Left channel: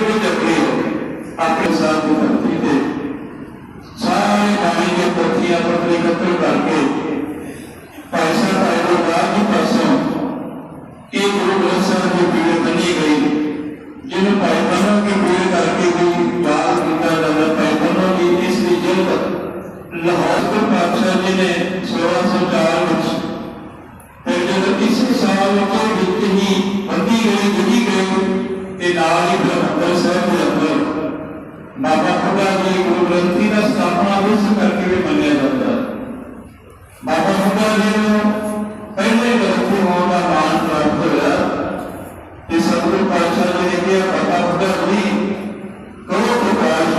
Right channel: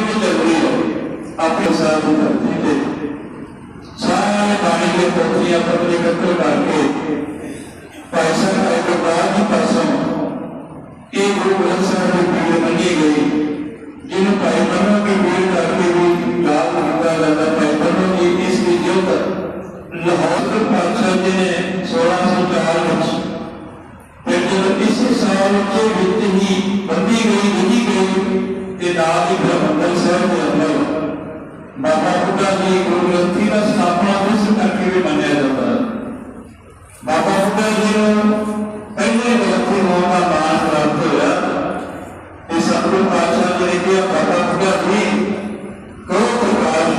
ਬਾਣੀ ਚੱਲਦੀ ਹੋ ਆਪਣੇ ਸਾਥ ਦੀ ਧਰਤੀ ਤੇ ਸਾਰੇ ਬਾਣੀ ਦੇ ਪੋਥੀਆਂ ਪੱਤਰੇ ਇਕੱਠੇ ਕਰਕੇ ਭਾਈ ਸਾਹਿਬ ਆਏ ਬਾਅਦ ਦੀ ਪਾਸੋਂ ਇਹ ਗੁਰੂ ਗ੍ਰੰਥ ਸਾਹਿਬ ਦੀ ਪੀੜ ਮੰਨੀ ਗਈ ਜਿਹਨੂੰ ਭਾਈ ਮਨੋ ਦੀ ਪੀੜ ਕਰਕੇ ਵੀ ਯਾਦ ਕੀਤਾ ਜਾਂਦਾ ਭਾਈ ਮਨੋ ਦੀ ਇਸ ਦੀ ਜੋਤ ਲਾਹੌਰ ਦੇ ਪਾਤਸ਼ਾਹ ਬਾਬਾ ਬੁੱਢਾ ਜੀ ਗੁਰੂ ਗ੍ਰੰਥੀ ਦਾ ਸਥਾਪਨਾ ਉਸ ਕਰਕੇ ਵੀ ਮੰਨਿਆ ਜਾਂਦਾ ਹੈ। ਬਾਬਾ ਬੁੱਢਾ ਜੀ ਨੂੰ ਪਹਿਲੇ ਗ੍ਰੰਥੀ ਹੋਣ ਦਾ ਨਾਮ ਪ੍ਰਾਪਤ ਹੋਇਆ। ਤੇ ਸਤਿਗੁਰੂ ਪਾਤਸ਼ਾਹ ਜੀ ਨੇ ਕਿਹਾ, ਬਾਬਾ ਬੁੱਢਾ ਜੀ ਕੋ ਪ੍ਰਕਾਸ਼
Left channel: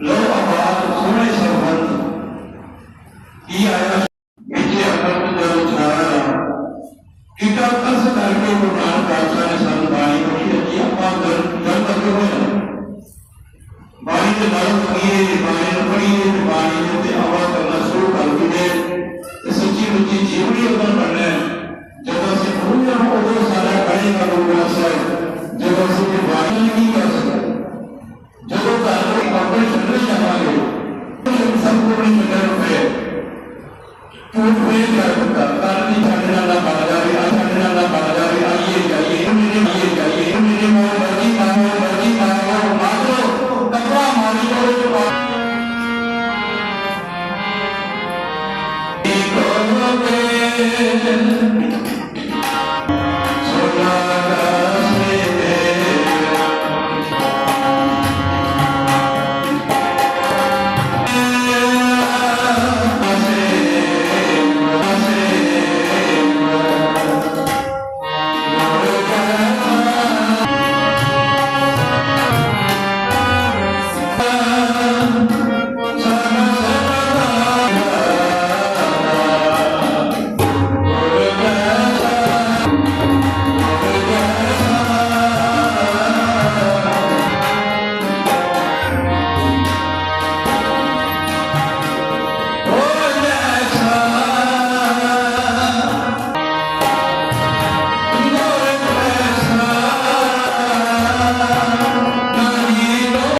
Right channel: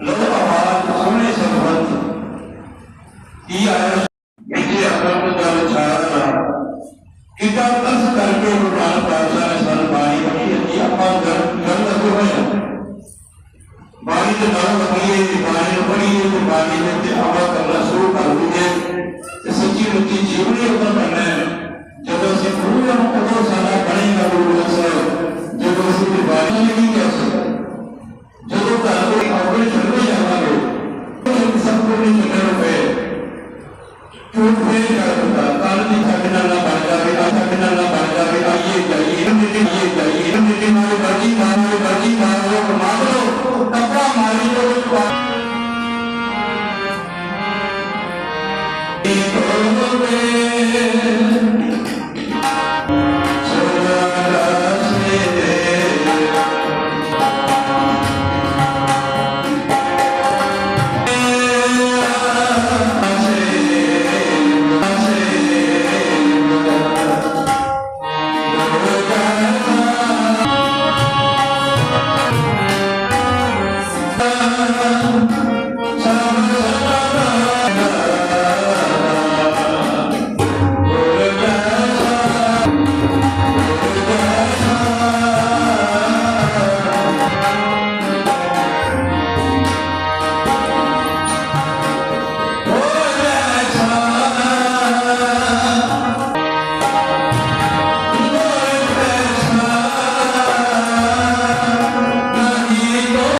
ਲੋ ਆਵਾਜ਼, ਸੁਣੇ ਸਰਬੰਤ। ਕੀ ਆਇਆ ਵਿਜੇ ਅਕੰਡ ਜਲ ਛਾਇਆ। ਕਿਤਾ ਤਸ ਕਰਕੇ ਗੁਰੂ ਬਾਣੀ ਦੇ ਨਾਲ ਲੱਗੀਏ ਬਾਣੀ ਨੂੰ ਪੜ੍ਹੀਏ ਤੇ ਬਾਣੀ ਦੇ ਤੇ ਆਵਾ ਕਰਨਾ ਸ਼ੁਰੂ ਕਰ ਦਈਏ ਤੇ ਸੱਚੀ ਮੁੱਚੀ ਜੀਵਨੀ ਉਦੋਂ ਬਣਨਾ ਹੈ। ਜਦੋਂ ਅਸੀਂ ਪੂਰਨ ਉਦੋਂ ਸਾਡਾ ਬਣੇਗਾ ਗੁਰੂ ਗ੍ਰੰਥ ਸਾਹਿਬ। ਜਦੋਂ ਅਸੀਂ ਕੋਈ ਬਾਣੀ ਨਹੀਂ ਕਰ ਸਕਦੇ। ਜਦੋਂ ਘਰ ਕੋਈ ਆਪਣੇ ਛੱਡਣੇ ਜਾਵਾਂਗੇ ਉਹ ਸਭ ਕੁਝ ਨਹੀਂ ਛੱਡਣਾ ਪਏ ਝੂਠ ਫੇਰ ਕਰ ਦਿੱਤਾ